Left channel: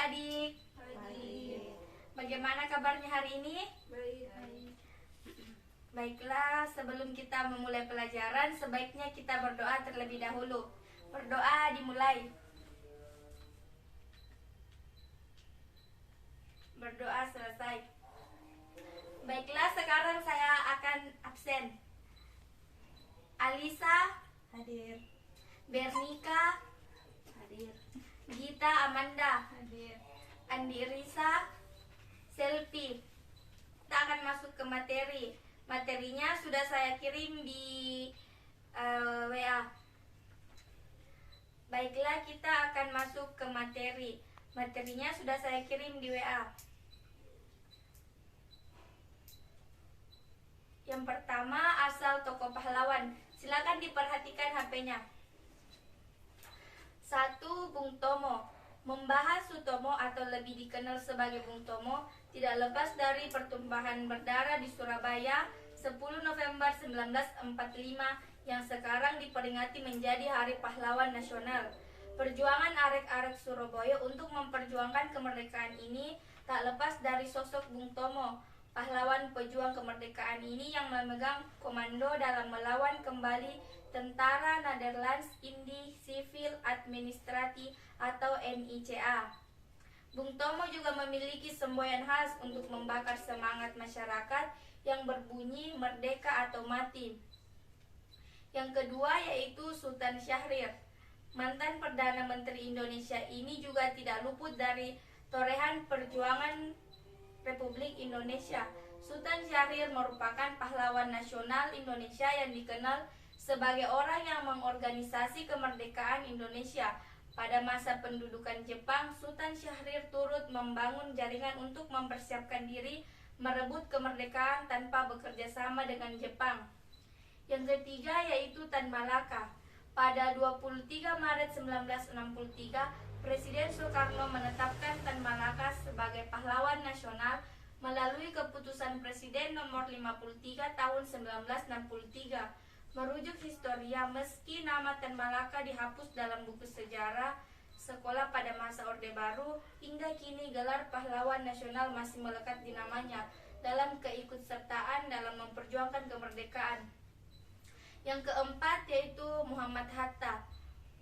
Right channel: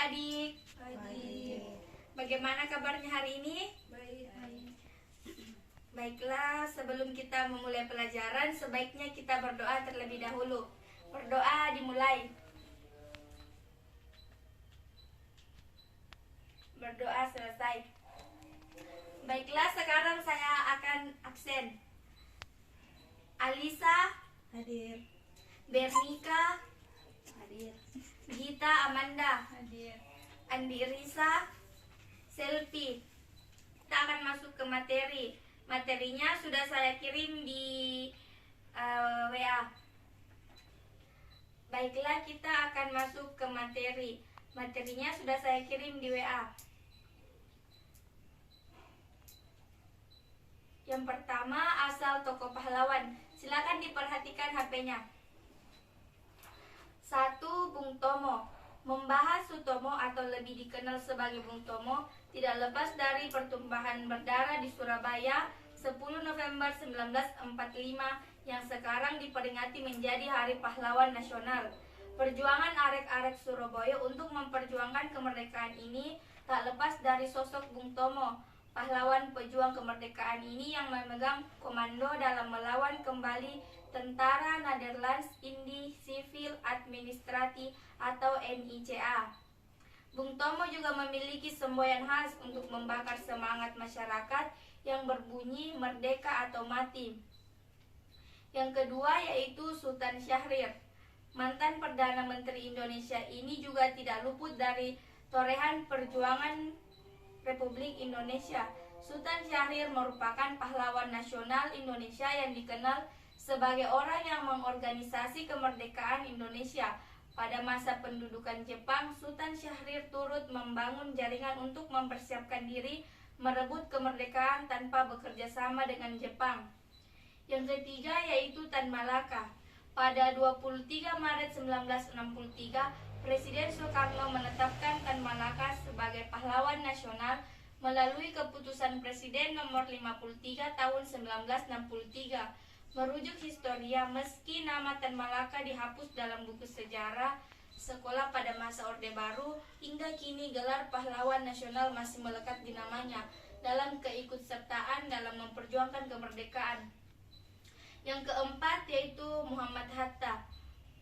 adik-adik. Baik. Bagaimana kabarnya hari ini? Baik. Baiklah, sebelum kita memulai pelajaran, sebaiknya kita berdoa terlebih dahulu. Berdoa dimulai. Berdoa selesai. Baiklah, sekarang saya akan absen. Alisa, Hadir. Bernika, Hadir. Gita Amanda, Hadir. Andi Risa, Selfie. Kita akan masuk ke materi. Materinya sudah saya kirim di WA. Baiklah, kita akan masuk ke materi. Materinya sudah saya kirim di WA. Yang pertama, asal tokoh pahlawan. Silakan diperhatikan HP-nya. 1. Bung Tomo. Membahas Sutomo atau lebih dikenal sebagai Bung Tomo tidak lepas dari pertumpahan berdarah di Surabaya 10 November 1945 yang sekarang diperingati menjadi Hari Pahlawan Nasional. Perjuangan arek-arek Surabaya untuk memperjuangkan kemerdekaan ini tak lepas dari sosok Bung Tomo. Pahlawan pejuang kemerdekaan ini yang memegang komando dalam melawan kembali Tentara Nederlands Indi Civil Administratie atau NICA. Bung Tomo juga memiliki semboyan khas untuk membakar semangat masyarakat yang berbunyi merdeka atau mati. Yang kedua yaitu Sultan Syahrir. Mantan Perdana Menteri Indonesia ini juga tidak luput dari torehan perjuangan Republik Indonesia. Sultan Syahrir merupakan pahlawan nasional Indonesia yang dikenal sebagai orang yang mengorganisasi kemerdekaan Indonesia. Pada masa pendudukan Jepang, Sultan Syahrir turut membangun jaringan untuk mempersiapkan diri merebut kemerdekaan tanpa bekerja sama dengan Jepang. Yang ketiga yaitu Tan Malaka. Pada 23 Maret 1963, Presiden Soekarno menetapkan Tan Malaka sebagai pahlawan nasional melalui keputusan Presiden nomor 53 tahun 1963. Merujuk historia, meski nama Tan Malaka dihapus dalam buku sejarah sekolah pada masa Orde Baru, hingga kini gelar pahlawan nasional masih melekat di namanya dalam keikutsertaan dalam memperjuangkan kemerdekaan. Yang keempat yaitu Muhammad Hatta.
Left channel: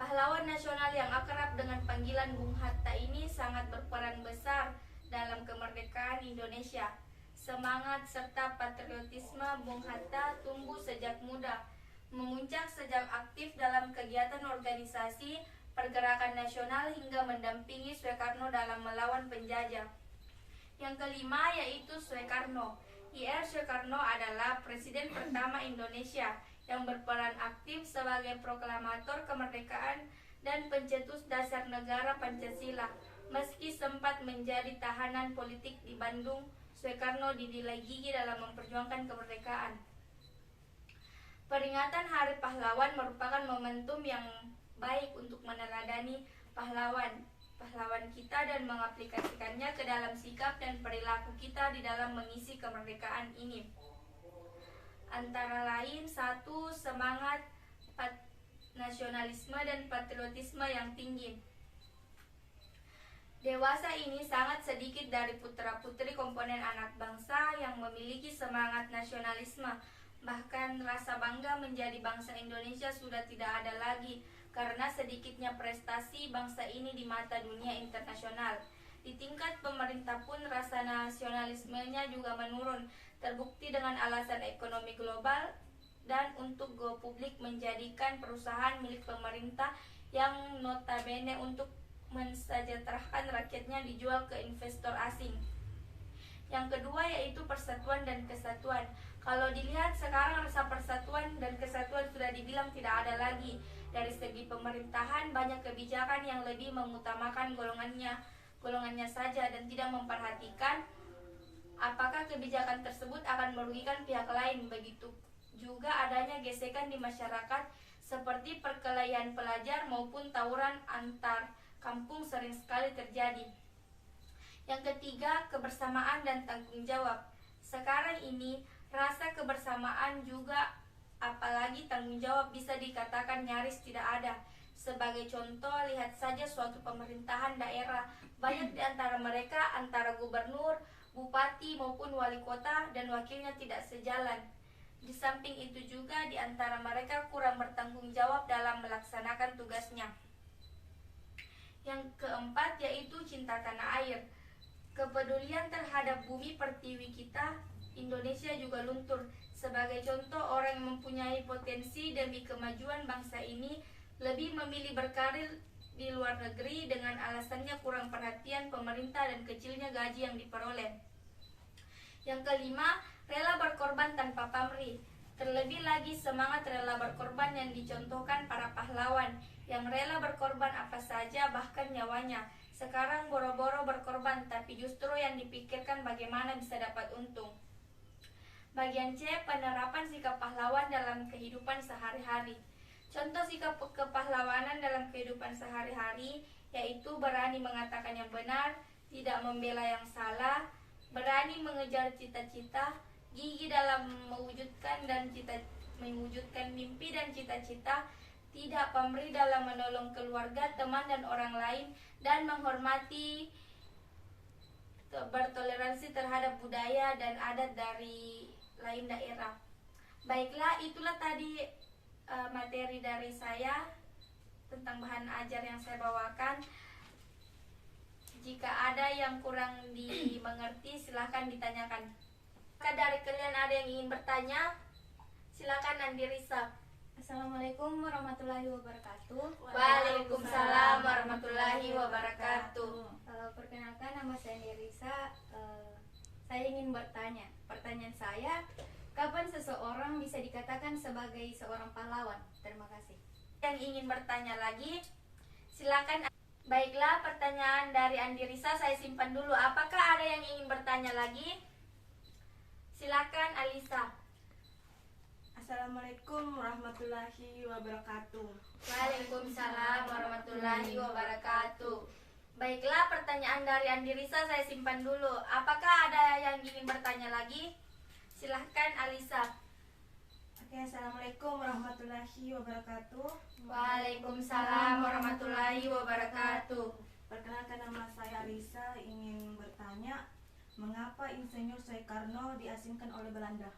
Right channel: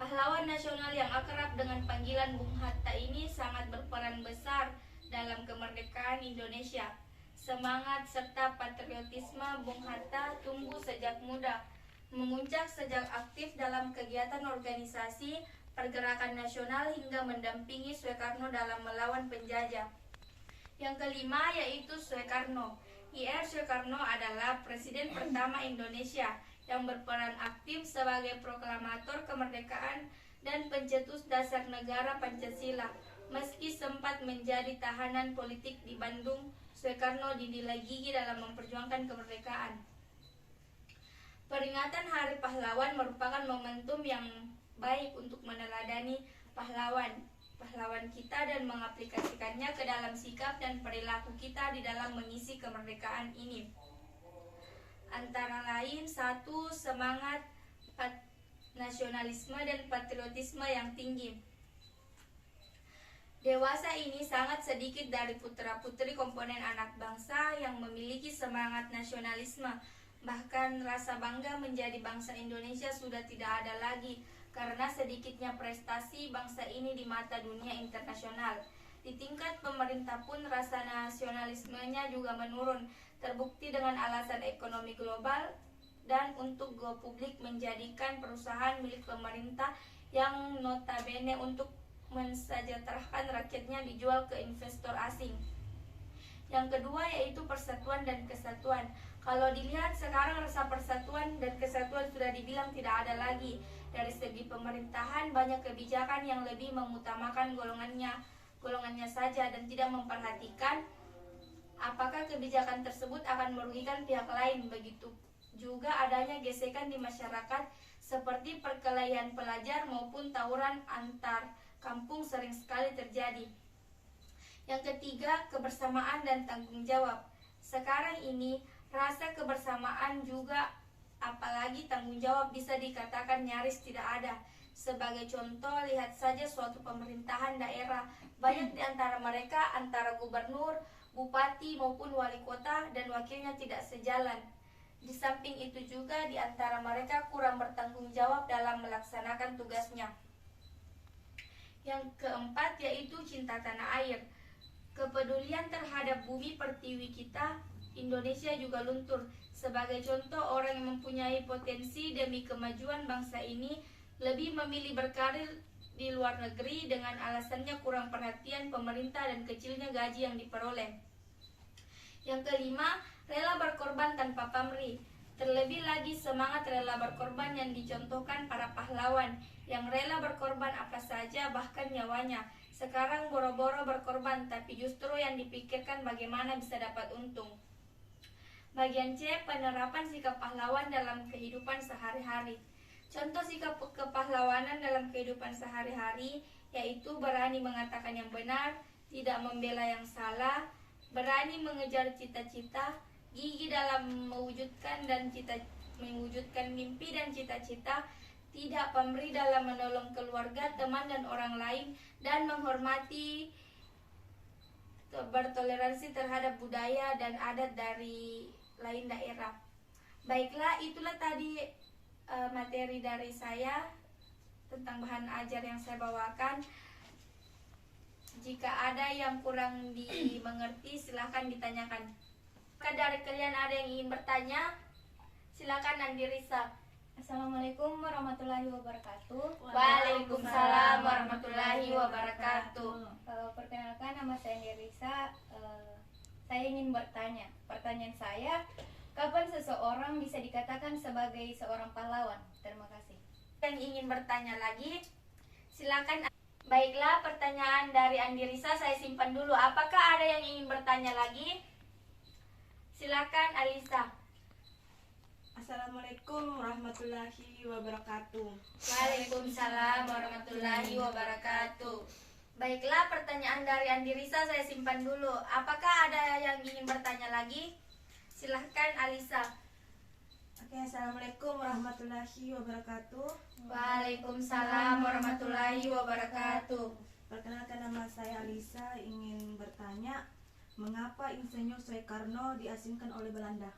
Pahlawan nasional yang akrab dengan panggilan Bung Hatta ini sangat berperan besar dalam kemerdekaan Indonesia. Semangat serta patriotisme Bung Hatta tumbuh sejak muda, memuncak sejak aktif dalam kegiatan organisasi pergerakan nasional hingga mendampingi Soekarno dalam melawan penjajah. Yang kelima yaitu Soekarno. Ir Soekarno adalah Presiden pertama Indonesia yang berperan aktif sebagai proklamator kemerdekaan dan pencetus dasar negara Pancasila. Meski sempat menjadi tahanan politik di Bandung, Soekarno dinilai gigih dalam memperjuangkan kemerdekaan. Peringatan Hari Pahlawan merupakan momentum yang baik untuk meneladani pahlawan kita dan mengaplikasikannya ke dalam sikap dan perilaku kita di dalam mengisi kemerdekaan ini. Antara lain, 1. Semangat nasionalisme dan patriotisme yang tinggi. Dewasa ini sangat sedikit dari putra-putri komponen anak bangsa yang memiliki semangat nasionalisme. Bahkan rasa bangga menjadi bangsa Indonesia sudah tidak ada lagi karena sedikitnya prestasi bangsa ini di mata dunia internasional. Di tingkat pemerintah pun rasa nasionalismenya juga menurun, terbukti dengan alasan ekonomi global dan untuk go publik menjadikan perusahaan milik pemerintah yang notabene untuk mensejahterakan rakyatnya dijual ke investor asing. Yang kedua yaitu persatuan dan kesatuan. Kalau dilihat sekarang rasa persatuan dan kesatuan sudah dibilang tidak ada lagi. Dari segi pemerintahan banyak kebijakan yang lebih mengutamakan golongannya saja dan tidak memperhatikan apakah kebijakan tersebut akan merugikan pihak lain. Begitu juga adanya gesekan di masyarakat seperti perkelahian pelajar maupun tawuran antar kampung sering sekali terjadi. Yang ketiga, kebersamaan dan tanggung jawab. Sekarang ini rasa kebersamaan juga apalagi tanggung jawab bisa dikatakan nyaris tidak ada. Sebagai contoh, lihat saja suatu pemerintahan daerah. Banyak di antara mereka, antara gubernur, bupati maupun wali kota dan wakilnya tidak sejalan. Di samping itu juga di antara mereka kurang bertanggung jawab dalam melaksanakan tugasnya. Yang keempat yaitu cinta tanah air. Kepedulian terhadap bumi pertiwi kita, Indonesia juga luntur. Sebagai contoh, orang yang mempunyai potensi demi kemajuan bangsa ini lebih memilih berkarir di luar negeri dengan alasannya kurang perhatian pemerintah dan kecilnya gaji yang diperoleh. Yang kelima, rela berkorban tanpa pamrih. Terlebih lagi semangat rela berkorban yang dicontohkan para pahlawan yang rela berkorban apa saja bahkan nyawanya. Sekarang boro-boro berkorban tapi justru yang dipikirkan bagaimana bisa dapat untung. Bagian C, penerapan sikap pahlawan dalam kehidupan sehari-hari. Contoh sikap kepahlawanan dalam kehidupan sehari-hari yaitu berani mengatakan yang benar, tidak membela yang salah, berani mengejar cita-cita, gigih dalam mewujudkan mimpi dan cita-cita, tidak pamrih dalam menolong keluarga, teman dan orang lain, dan menghormati, bertoleransi terhadap budaya dan adat dari lain daerah. Baiklah, itulah tadi materi dari saya tentang bahan ajar yang saya bawakan. Jika ada yang kurang dimengerti, silahkan ditanyakan. Jika dari kalian ada yang ingin bertanya, silakan Andi Risa. Assalamualaikum warahmatullahi wabarakatuh. Waalaikumsalam warahmatullahi wabarakatuh. Perkenalkan, nama saya Andirisa. Saya ingin bertanya. Pertanyaan saya, kapan seseorang bisa dikatakan sebagai seorang pahlawan? Terima kasih. Yang ingin bertanya lagi, silakan. Baiklah, pertanyaan dari Andi Risa saya simpan dulu. Apakah ada yang ingin bertanya lagi? Silakan Alisa. Assalamualaikum warahmatullahi wabarakatuh. Waalaikumsalam warahmatullahi wabarakatuh. Baiklah, pertanyaan dari Andi Risa saya simpan dulu. Apakah ada yang ingin bertanya lagi? Silahkan Alisa. Oke, assalamualaikum warahmatullahi wabarakatuh. Waalaikumsalam warahmatullahi wabarakatuh. Perkenalkan, nama saya Alisa, ingin bertanya, mengapa Insinyur Soekarno diasingkan oleh Belanda?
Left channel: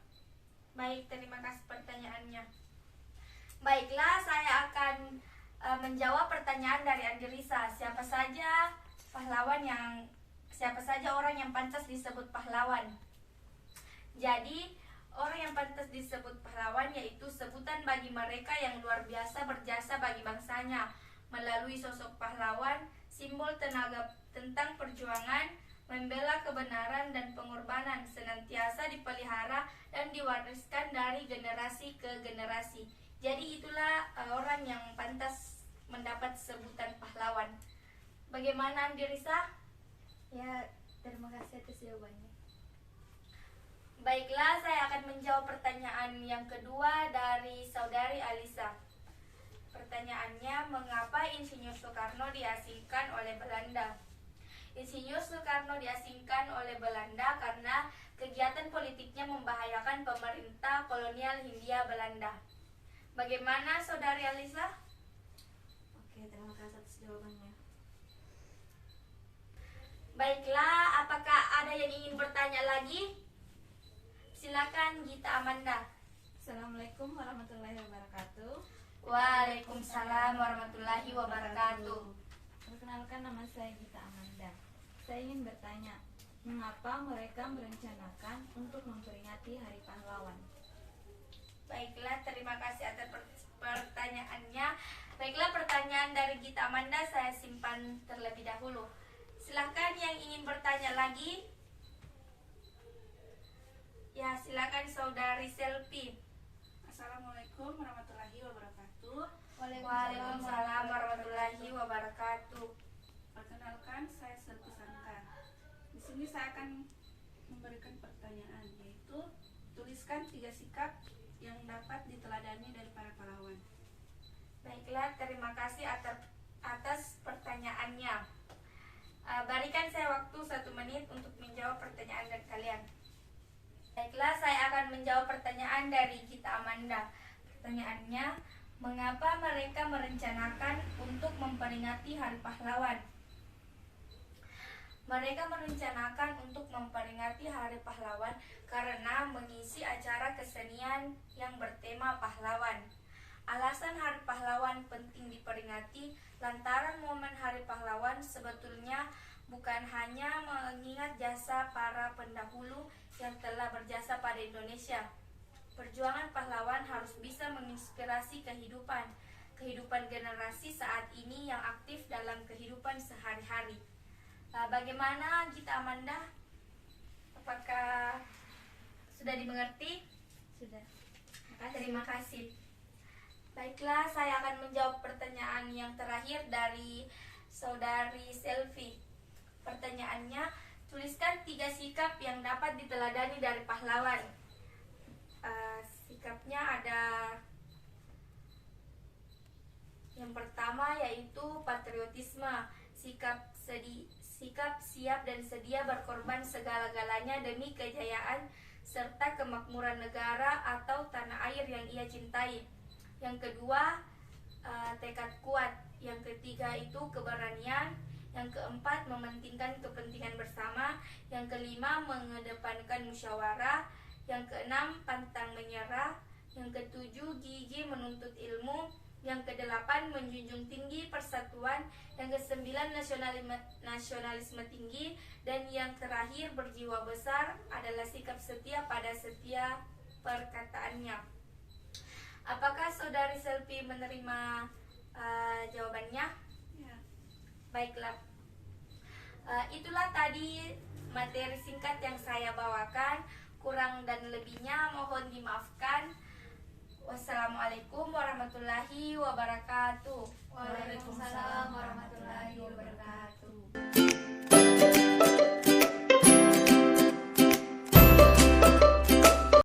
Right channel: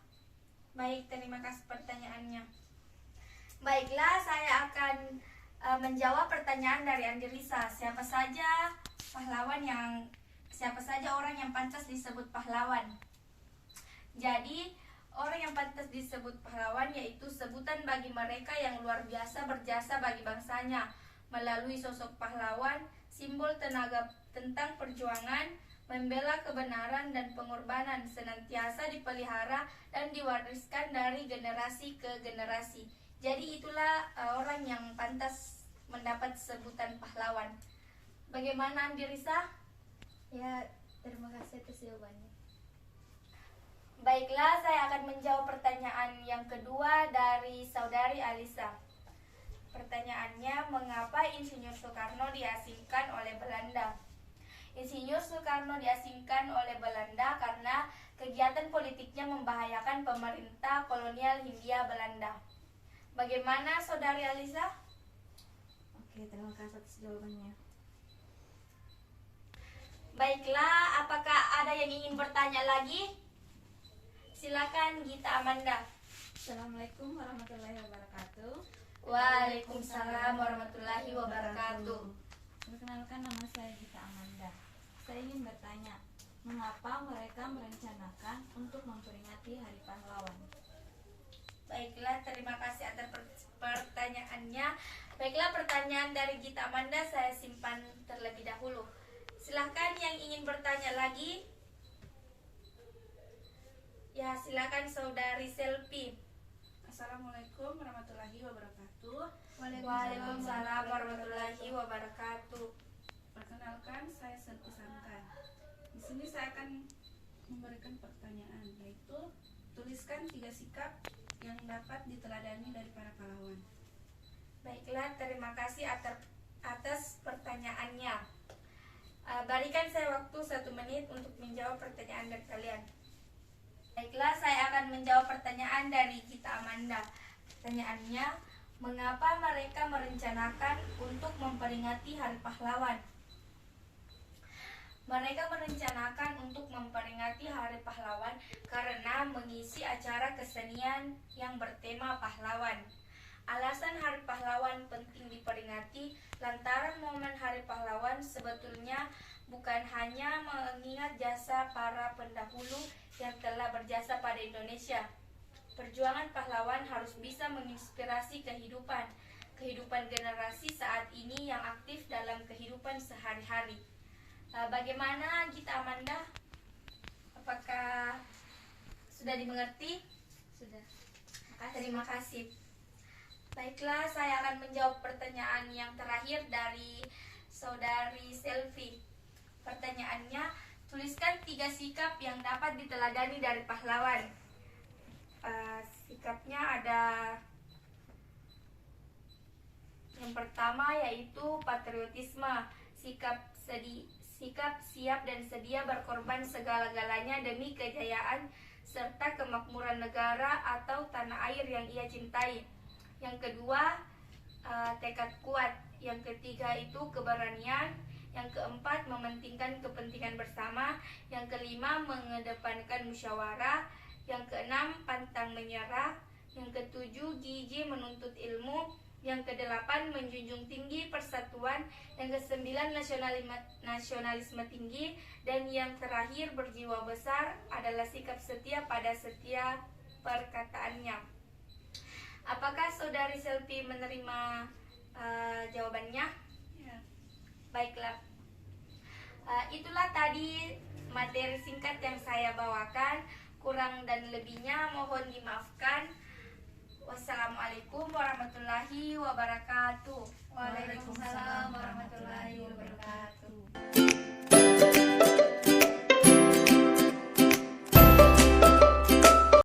Baik, terima kasih pertanyaannya. Baiklah, saya akan menjawab pertanyaan dari Andi Risa. Siapa saja orang yang pantas disebut pahlawan? Jadi, orang yang pantas disebut pahlawan yaitu sebutan bagi mereka yang luar biasa berjasa bagi bangsanya. Melalui sosok pahlawan, simbol tenaga tentang perjuangan, membela kebenaran dan pengorbanan senantiasa dipelihara dan diwariskan dari generasi ke generasi. Jadi itulah orang yang pantas mendapat sebutan pahlawan. Bagaimana Andi Risa? Ya, terima kasih atas jawabannya. Baiklah, saya akan menjawab pertanyaan yang kedua dari saudari Alisa. Pertanyaannya, mengapa Insinyur Soekarno diasingkan oleh Belanda? Insinyur Soekarno diasingkan oleh Belanda karena kegiatan politiknya membahayakan pemerintah kolonial Hindia Belanda. Bagaimana saudari Alisa? Oke, terima kasih atas jawabannya. Baiklah, apakah ada yang ingin bertanya lagi? Silakan Gita Amanda. Assalamualaikum warahmatullahi wabarakatuh. Waalaikumsalam warahmatullahi wabarakatuh. Perkenalkan, nama saya Gita Amanda. Saya ingin bertanya, mengapa mereka merencanakan untuk memperingati Hari Pahlawan? Baiklah, terima kasih atas pertanyaannya. Baiklah, pertanyaan dari Gita Amanda saya simpan terlebih dahulu. Silahkan yang ingin bertanya lagi. Ya, silakan saudari Selfie. Assalamualaikum warahmatullahi wabarakatuh. Waalaikumsalam warahmatullahi wabarakatuh. Perkenalkan, saya Selvi Santan. Di sini saya akan memberikan pertanyaan, yaitu tuliskan 3 sikap yang dapat diteladani dari para pahlawan. Baiklah, terima kasih atas pertanyaannya. Berikan saya waktu 1 menit untuk menjawab pertanyaan dari kalian. Baiklah, saya akan menjawab pertanyaan dari Gita Amanda. Pertanyaannya, Mengapa mereka merencanakan untuk memperingati Hari Pahlawan? Mereka merencanakan untuk memperingati Hari Pahlawan karena mengisi acara kesenian yang bertema pahlawan. Alasan Hari Pahlawan penting diperingati lantaran momen Hari Pahlawan sebetulnya bukan hanya mengingat jasa para pendahulu yang telah berjasa pada Indonesia. Perjuangan pahlawan harus bisa menginspirasi kehidupan generasi saat ini yang aktif dalam kehidupan sehari-hari. Bagaimana Gita Amanda? Apakah sudah dimengerti? Sudah. Terima kasih. Baiklah, saya akan menjawab pertanyaan yang terakhir dari saudari Selvi. Pertanyaannya, tuliskan 3 sikap yang dapat diteladani dari pahlawan. Sikapnya ada yang pertama yaitu patriotisme, sikap siap dan sedia berkorban segala-galanya demi kejayaan serta kemakmuran negara atau tanah air yang ia cintai. Yang kedua, tekad kuat. Yang ketiga itu keberanian. Yang keempat, mementingkan kepentingan bersama. Yang kelima, mengedepankan musyawarah. Yang keenam, pantang menyerah. Yang ketujuh, gigih menuntut ilmu. Yang kedelapan, menjunjung tinggi persatuan. Yang kesembilan, nasionalisme tinggi. Dan yang terakhir, berjiwa besar adalah sikap setia pada setiap perkataannya. Apakah saudari Selvi menerima jawabannya? Ya. Baiklah. Itulah tadi materi singkat yang saya bawakan. Kurang dan lebihnya mohon dimaafkan. Wassalamualaikum warahmatullahi wabarakatuh. Waalaikumsalam warahmatullahi wabarakatuh.